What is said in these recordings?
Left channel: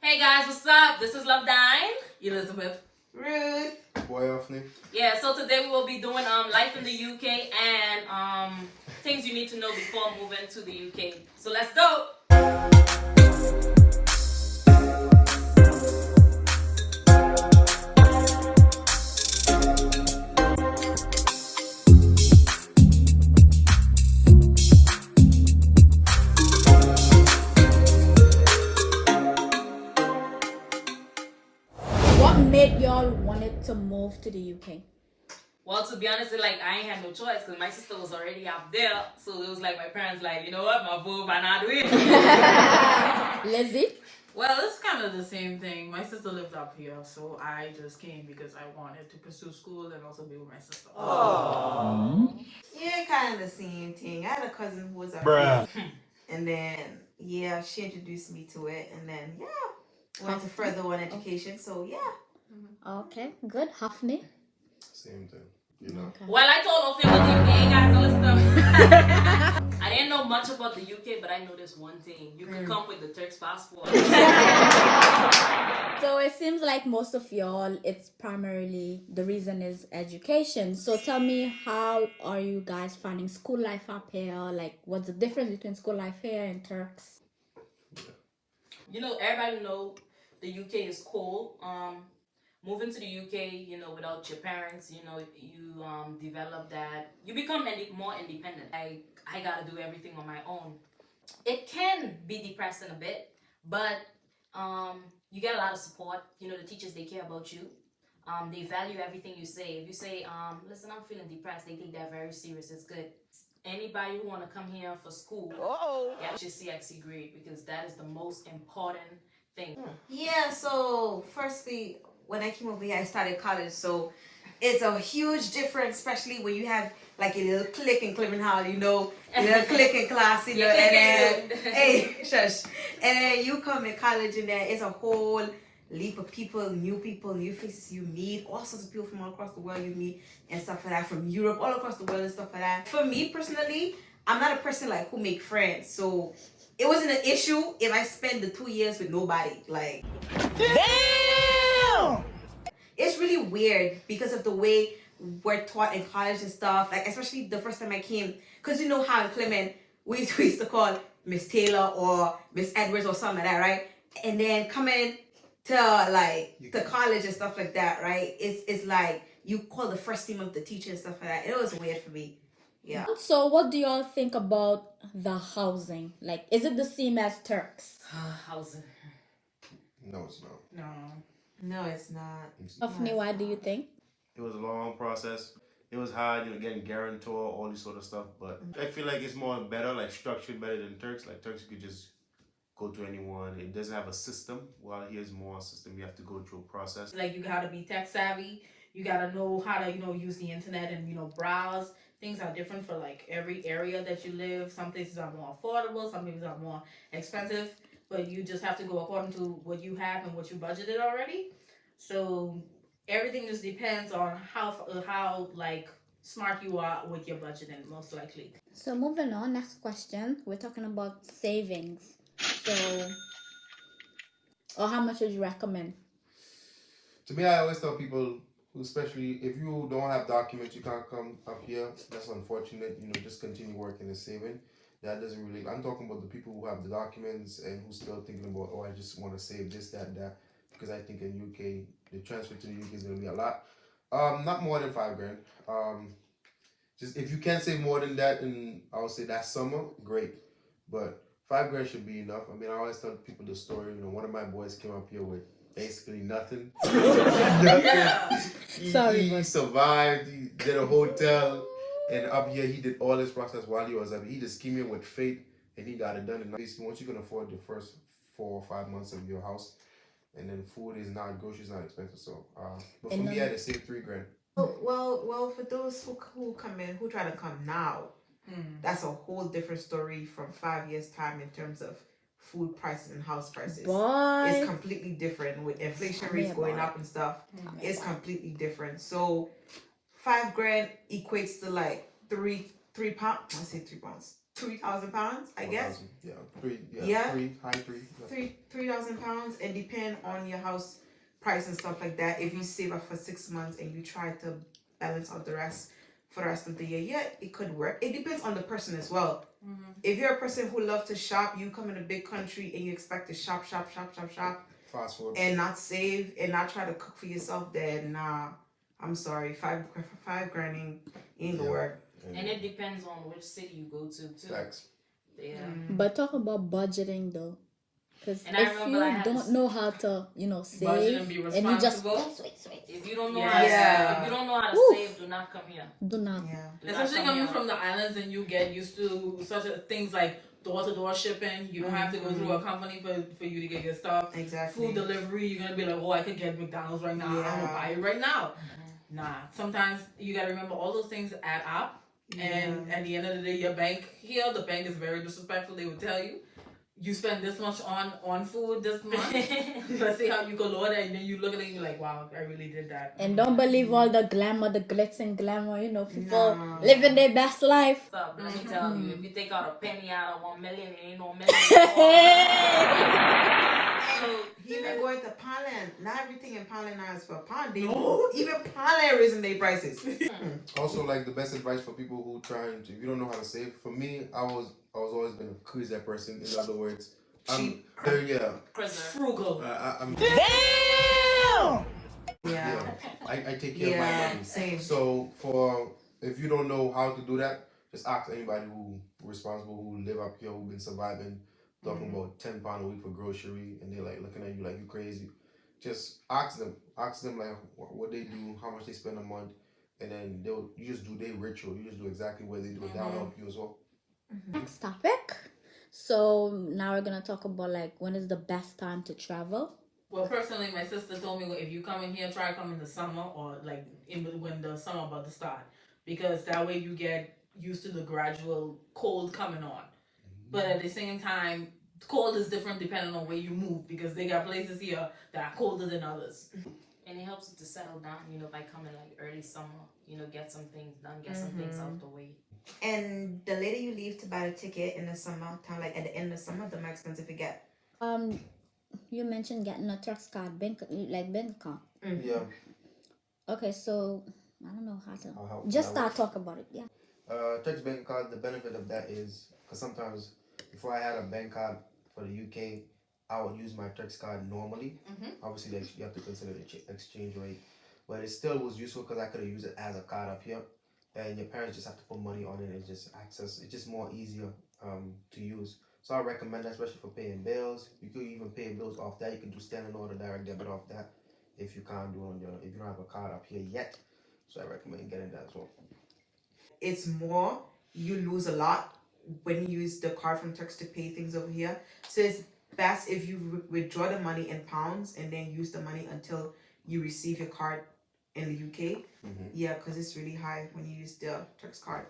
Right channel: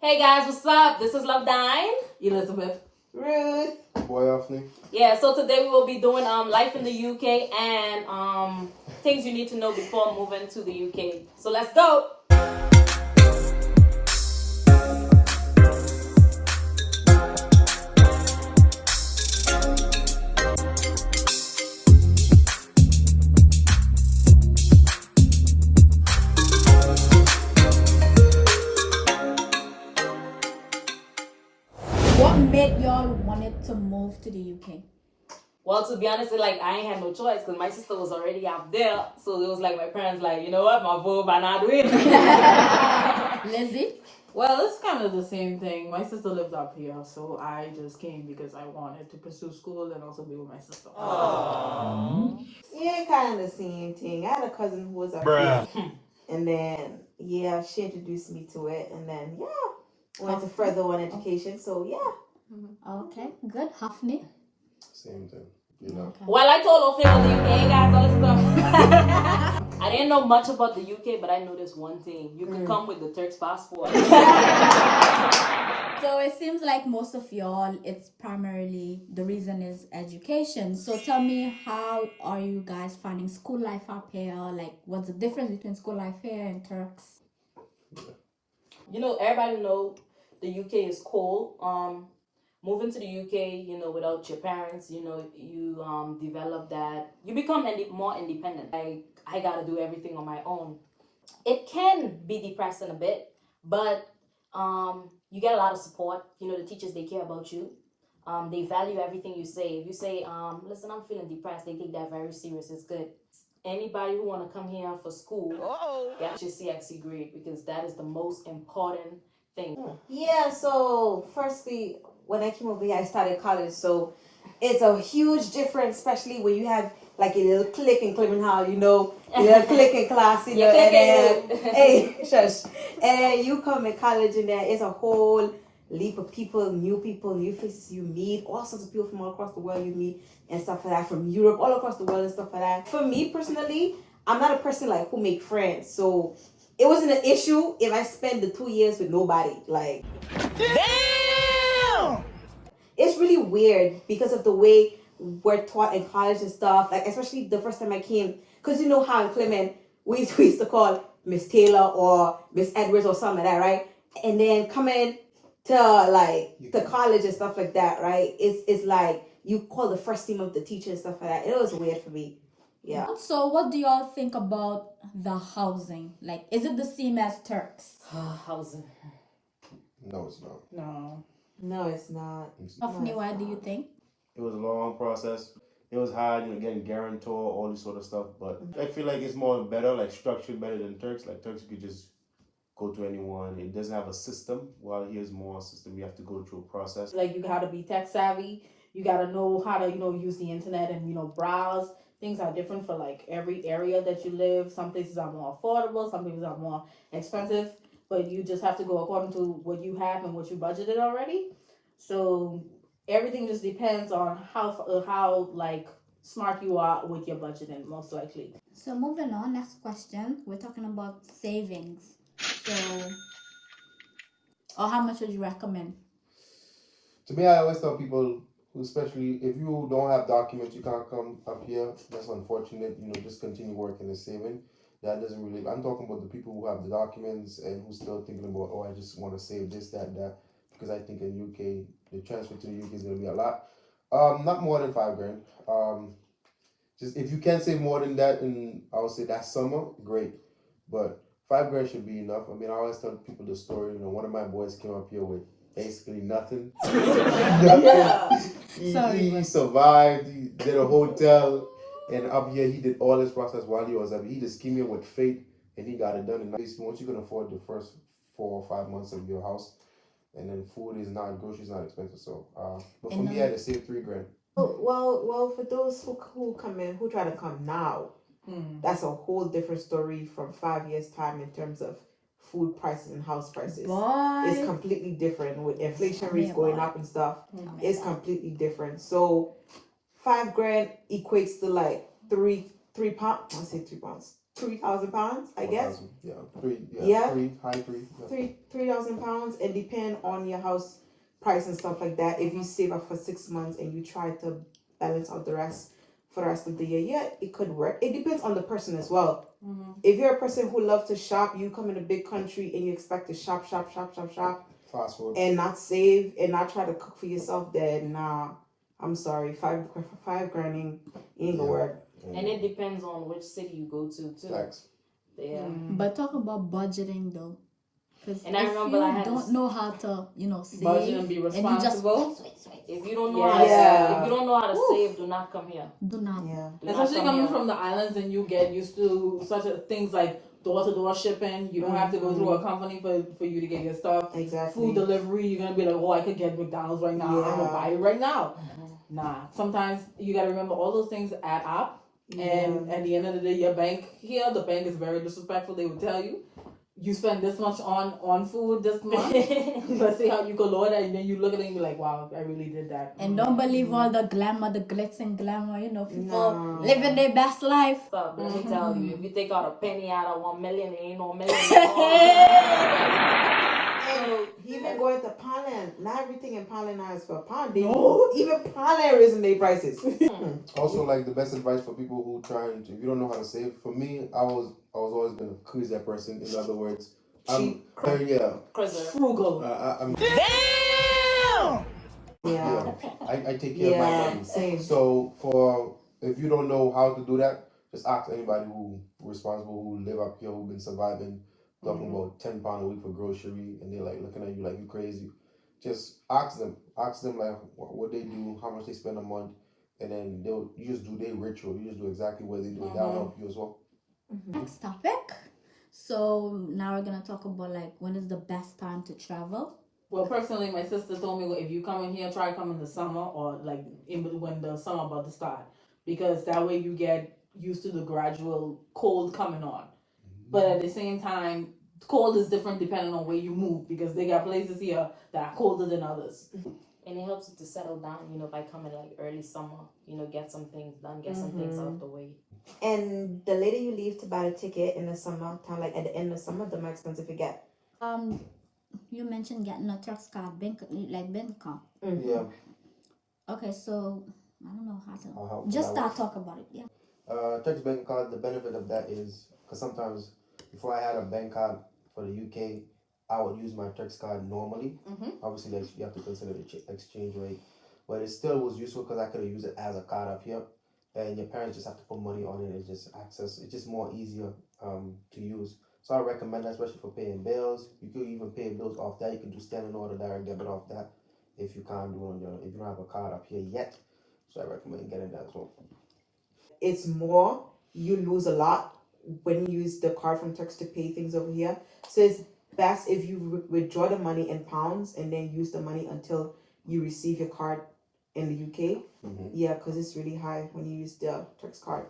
Hey guys, what's up? This is Love Dine. Elizabeth. Rude. Boy, Afni. Yeah, so today we will be doing life in the UK and things you need to know before moving to the UK. So let's go. What made y'all wanted to move to the UK? Well, to be honest, like I ain't had no choice because my sister was already out there. So it was like my parents like, you know what, my vote by not doing it. Lizzie? Well, it's kind of the same thing. My sister lived up here, so I just came because I wanted to pursue school and also be with my sister. Aww. Yeah, kind of the same thing. I had a cousin who was up here. And then, yeah, she introduced me to it. And then, yeah, went to further on education. So, yeah. Okay, good. Hafni? Same thing. You know. Okay. Well, I told Ophir about the UK, guys, all this stuff. I didn't know much about the UK, but I noticed one thing. You can come with the Turks passport. So it seems like most of y'all, it's primarily, the reason is education. So tell me, how are you guys finding school life up here? Like, what's the difference between school life here and Turks? You know, everybody know the UK is cold. Moving to the UK, you know, without your parents, you know, you develop that. You become more independent. I gotta do everything on my own. It can be depressing a bit, but you get a lot of support. You know, the teachers, they care about you. They value everything you say. If you say, listen, I'm feeling depressed, they take that very serious. It's good. Anybody who want to come here for school, get your CXC grade because that is the most important thing. Yeah, so firstly, when I came over here, I started college. So it's a huge difference, especially when you have like a little clique in Clement Hall, you know, a little clique in class, you know, and then, hey, shush. And then you come in college and then it's a whole leap of people, new faces you meet, all sorts of people from all across the world you meet and stuff like that, from Europe, all across the world and stuff like that. For me personally, I'm not a person like who make friends. So it wasn't an issue if I spent the 2 years with nobody. Like, damn! It's really weird because of the way we're taught in college and stuff. Like, especially the first time I came, because you know how in Clement, we used to call Miss Taylor or Miss Edwards or something like that, right? And then coming to like the college and stuff like that, right? It's like you call the first name of the teacher and stuff like that. It was weird for me. Yeah. So what do y'all think about the housing? Like, is it the same as Turks? Housing. No, it's not. No, it's not. Hafni, what do you think? It was a long process. It was hard, you know, getting guarantor, all this sort of stuff. But I feel like it's more better, like structured better than Turks. Like Turks, you could just go to anyone. It doesn't have a system. While here's more a system. You have to go through a process. Like, you gotta be tech savvy. You gotta know how to, you know, use the internet and, you know, browse. Things are different for like every area that you live. Some places are more affordable, some places are more expensive. But you just have to go according to what you have and what you budgeted already. So everything just depends on how like smart you are with your budgeting, most likely. So moving on, next question. We're talking about savings. So, or how much would you recommend? To me, I always tell people, especially if you don't have documents, you can't come up here. That's unfortunate. You know, just continue working and saving. That doesn't really. I'm talking about the people who have the documents and who's still thinking about, oh, I just want to save this, that. Because I think in UK, the transfer to the UK is going to be a lot. Not more than $5,000. Just if you can save more than that, and I would say that summer, great. But $5,000 should be enough. I mean, I always tell people the story. You know, one of my boys came up here with basically nothing. He survived. He did a hotel, and up here he did all this process while he was up here. He just came here with faith, and he got it done. And basically, once you can afford the first 4 or 5 months of your house, and then food is not, groceries not expensive. So, but for me, I had to save $3,000. Well, for those who come in, who try to come now, that's a whole different story from 5 years' time in terms of food prices and house prices. It's completely different with inflation rates going up and stuff. It's completely different. So $5,000 equates to like three pounds. I say 3 pounds. 3,000 pounds, I guess. 1,000, yeah, three, Yeah. three, high three. Yeah. 3,000 pounds, and depend on your house price and stuff like that. If you save up for 6 months and you try to balance out the rest for the rest of the year, yeah, it could work. It depends on the person as well. If you're a person who loves to shop, you come in a big country and you expect to shop, Fast food. and not save and not try to cook for yourself, then nah, I'm sorry, five grand ain't gonna Yeah. work. And it depends on which city you go to too. Facts. Yeah. But talk about budgeting though. Because And I if remember I you had don't this- know how to, save, Budget and be you just responsible. If you don't know Yeah. how to Yeah. if you don't know how to save, do not come here. do not. Yeah. Do not Especially come coming here. from the islands and you get used to such things like door-to-door shipping. You don't have to go through a company for you to get your stuff. Exactly. Food delivery, you're gonna be like, oh, I could get McDonald's right now. I'm Yeah. gonna buy it right now. Nah. Sometimes you gotta remember all those things add up. And at the end of the day, your bank here, the bank is very disrespectful. They would tell you spend this much on food this month. Let's see how you could lower that, and then you look at it and you're like, wow, I really did that. And don't believe all the glamour, the glitz and glamour, people No. living their best life. So, let me tell you, if you take out a penny out of 1 million, it ain't no million. So even going to Poundland, not everything in Poundland now is for pound. Even Poundland raising their prices. Also, like the best advice for people who trying to, if you don't know how to save. For me, I was always been a crazy person. In other words, I'm yeah. Frugal. I'm Yeah. I take care of my money. Same. So if you don't know how to do that, just ask anybody who responsible, who live up here, who been surviving, talking about £10 a week for grocery, and they're like looking at you like you crazy. Just ask them like what they do, how much they spend a month, and then you just do their ritual. You just do exactly what they do, and that'll help you as well. Next topic. So now we're gonna talk about like when is the best time to travel. Well, personally, my sister told me, well, if you come in here, try come in the summer or like when the summer about to start, because that way you get used to the gradual cold coming on. But at the same time, cold is different depending on where you move, because they got places here that are colder than others. And it helps you to settle down, by coming like early summer, get some things done, get some things out the way. And the later you leave to buy the ticket in the summer time, like at the end of summer, the more expensive you get. You mentioned getting a TURKS card, bank card. Yeah. Okay, so I don't know how to. I'll help. Just start talk about it. Yeah. TURKS bank card. The benefit of that is because sometimes before I had a bank card for the UK, I would use my TURKS card normally. Obviously, you have to consider the exchange rate, but it still was useful because I could have used it as a card up here, and your parents just have to put money on it and just access. It's just more easier to use. So I recommend that, especially for paying bills. You could even pay bills off that. You can do standing order direct debit off that if you can't do it if you don't have a card up here yet. So I recommend getting that as well. It's more, you lose a lot when you use the card from TURKS to pay things over here. So it's best if you withdraw the money in pounds and then use the money until you receive your card in the UK. Yeah, because it's really high when you use the TURKS card.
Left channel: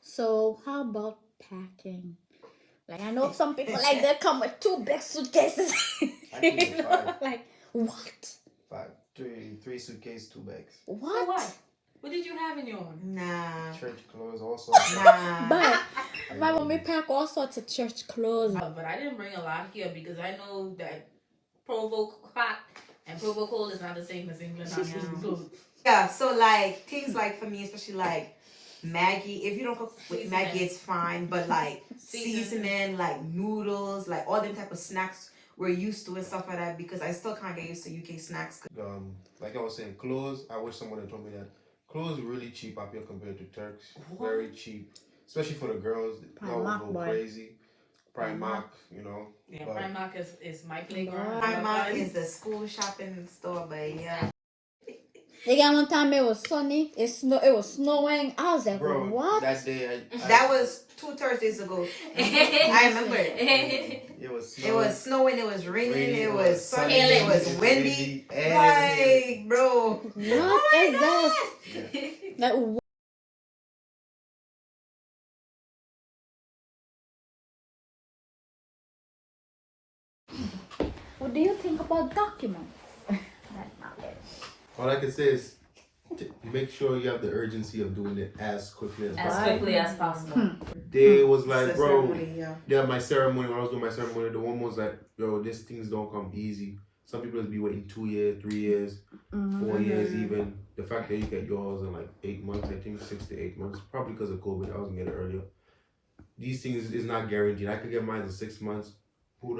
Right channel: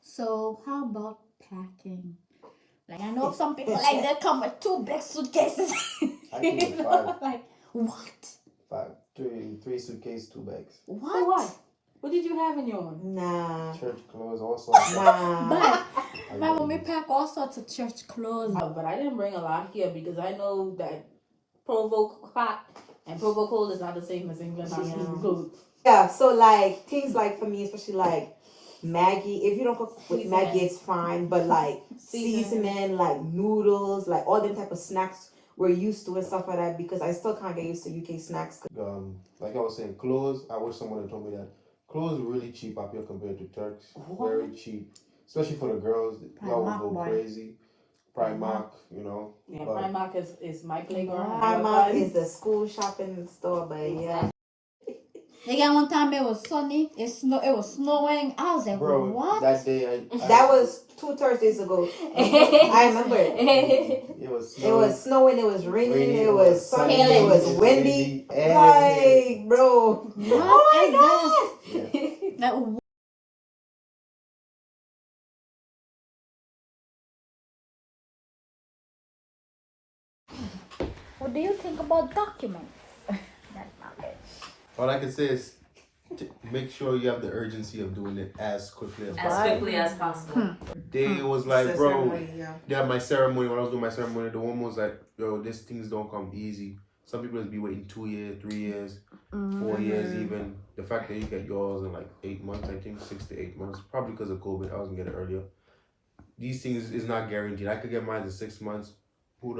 So how about packing? Like I know some people like they come with 2 big suitcases. I think it's 5. Like what? 5. 3 suitcases, 2 bags. What? So what? What did you have in your own? Nah. Church clothes, all sorts. Nah. But my mommy pack all sorts of church clothes. But I didn't bring a lot here because I know that Provo hot and Provo cold is not the same as England hot and cold. Yeah, so like things like for me, especially like Maggie, if you don't cook with Maggie, it's fine. But like seasoning, like noodles, like all them type of snacks we're used to and stuff like that, because I still can't get used to UK snacks. Like I was saying, clothes. I wish someone had told me that clothes are really cheap up here compared to Turks. What? Very cheap, especially for the girls. Y'all Primark, will go boy. crazy. Primark, Yeah, but- Primark is my playground. Primark is the school shopping store, but yeah. Again, one time it was sunny. It was snowing. I was like, bro, what? that day That was 2 Thursdays ago. I remember it. it was It was snowing, it was raining, it was sunny, sunny, it was windy. and Like, bro. What is this? yeah. Like, what do you think about documents? That's not it. All I can say is make sure you have the urgency of doing it as quickly as As possible. quickly as possible. They was like, It's a bro, ceremony, yeah. yeah, my ceremony, when I was doing my ceremony, the one was like, yo, these things don't come easy. Some people will be waiting 2 years, 3 years, 4 years even. The fact that you get yours in like 8 months, I think 6 to 8 months, probably because of COVID, I wasn't getting it earlier. These things is not guaranteed. I could get mine in 6 months. Who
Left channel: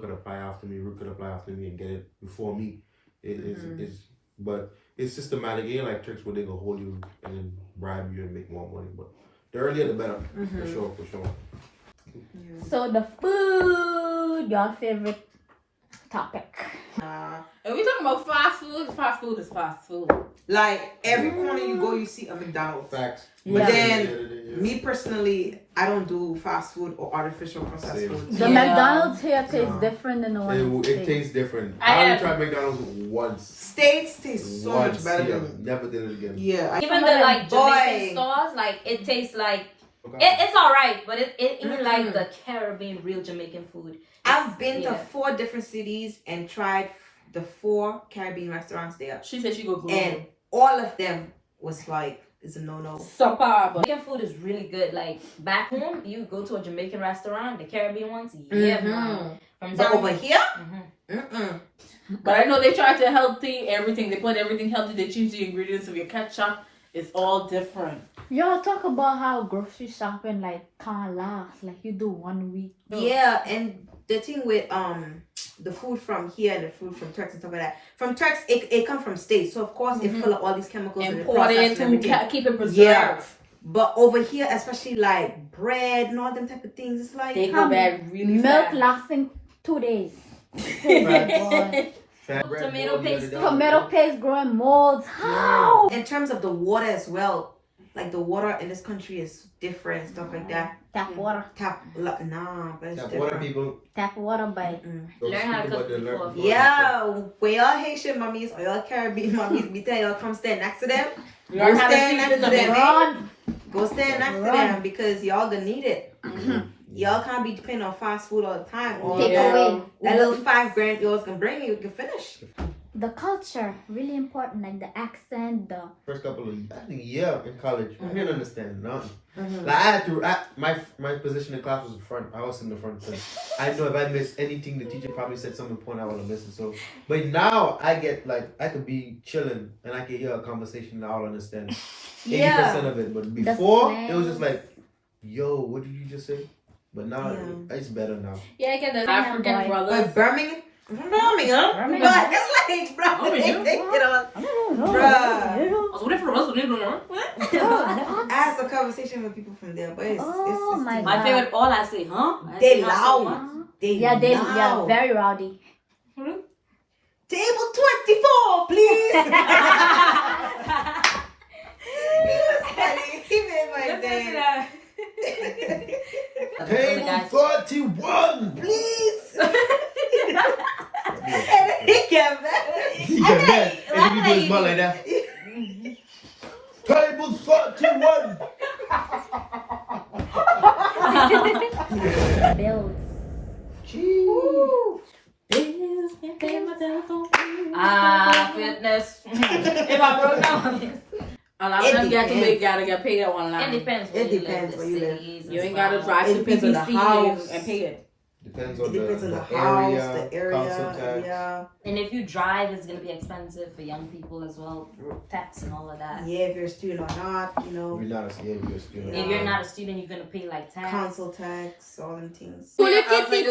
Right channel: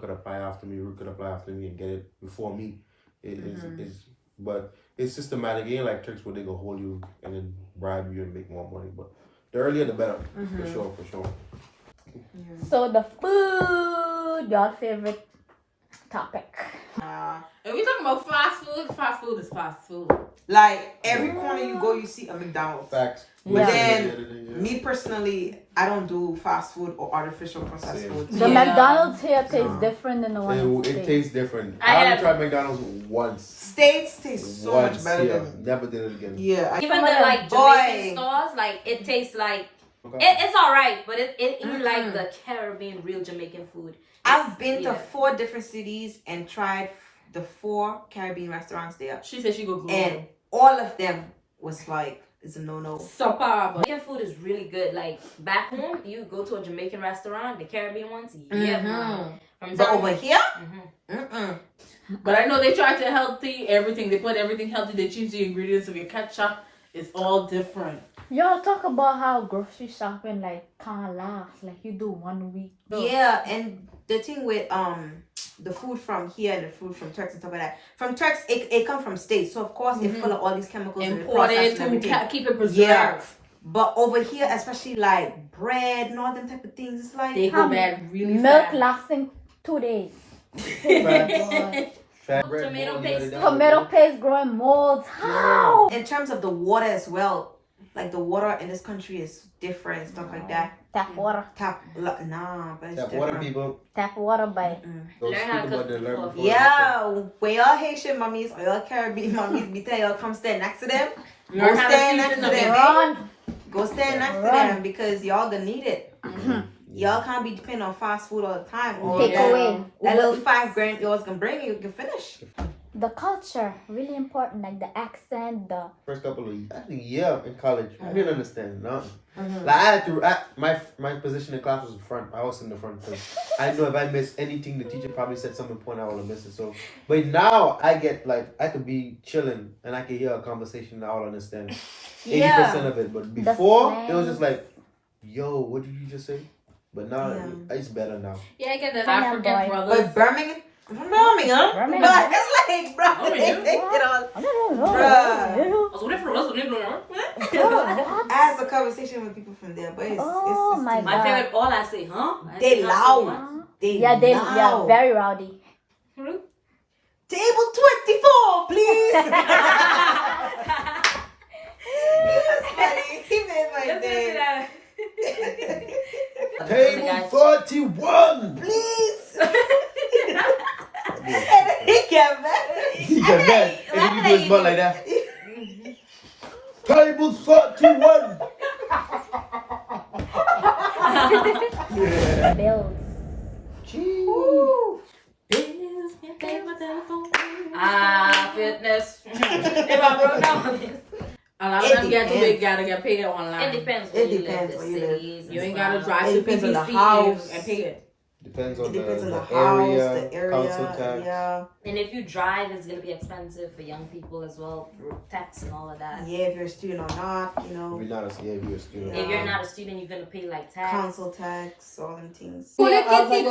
could apply after me? Who could apply after me and get it before me? But it's systematic. It ain't like tricks where they gonna hold you and then bribe you and make more money. But the earlier the better, for sure. So the food, your favorite topic. And we talking about fast food. Fast food is fast food. Like every corner you go, you see a McDonald's. Facts. But Yeah. then, me personally, I don't do fast food or artificial processed Same. food. The Yeah. McDonald's here tastes different than the one in It States. tastes different. I I only had- tried McDonald's once. States taste so much better yeah. than. Never did it again. Yeah. Even the like Boy. Jamaican stores, like it tastes like Okay. it's alright, but it ain't like the Caribbean real Jamaican food. I've been to Yeah. 4 different cities and tried the 4 Caribbean restaurants there. She said she go Google. And all of them was like, it's a no-no. Superb. Jamaican food is really good. Like back home, you go to a Jamaican restaurant, the Caribbean ones, yeah, man. From But over time- here, Mhm. But I know they try to healthy everything. They put everything healthy. They change the ingredients of your ketchup. It's all different. Y'all talk about how grocery shopping like can't last. Like you do 1 week. yeah, and the thing with the food from here and the food from Turks and stuff like that. From Turks, it comes from states, so of course it's full of all these chemicals and Imported processed to and everything. keep it preserved. Yeah. But over here, especially like bread and all them type of things, it's like They go bad really Milk fast. lasting 2 days. Fat bread, Tomato boiled, paste. let it down. Tomato paste growing molds. How? in terms of the water as well. Like the water in this country is different and stuff like that. Tap water. Nah, but it's That different. water people. Tap water by. Don't Learn how speak to about cook the before. learn- Yeah, when y'all Haitian mummies or y'all Caribbean mummies, we tell y'all come stand next to them. Learn Go how to stand next season to the them. baby. Run. Go stand next to Run. them because y'all gonna need it. Y'all can't be depending on fast food all the time. Or Take Yeah. away. that little $5 yours can bring you can finish. The culture, really important. Like the accent, the First couple of years, I think in college, I didn't understand nothing. Mm-hmm. Like I had to, my position in class was in front. I was in the front because I know if I missed anything, the teacher probably said something important I would have missed it. So, but now I get like I could be chilling and I can hear a conversation and I'll understand 80% of it. But before it was just like, yo, what did you just say? But now it's better now. Yeah, I get that. Yeah, African boy. brothers. But Birmingham, Birmingham, Birmingham. but it's like, bro, they take it on. I had some conversation with people from there, but it's my My God. favorite, all I say, huh? I They say not so much. loud. They yeah, loud. very rowdy. Table 24, please. He made my Listen to day. that. Table 41. Please. And he got mad. He got mad. And then you do his butt like that. Table 41. Bills. Ooh. Fitness. If I broke down, A lot of them get too big, gotta get paid online. it depends. It depends where you live. You ain't gotta drive It to depends on the PPC house. and pay it. Depends It on depends on the the house, the council area, tax. yeah. And if you drive, it's gonna be expensive for young people as well, tax and all of that. Yeah, if you're a student or not, you know, If you're not a student. If you're not a student, you're gonna pay like tax. council tax, all them things. Yeah, I was like,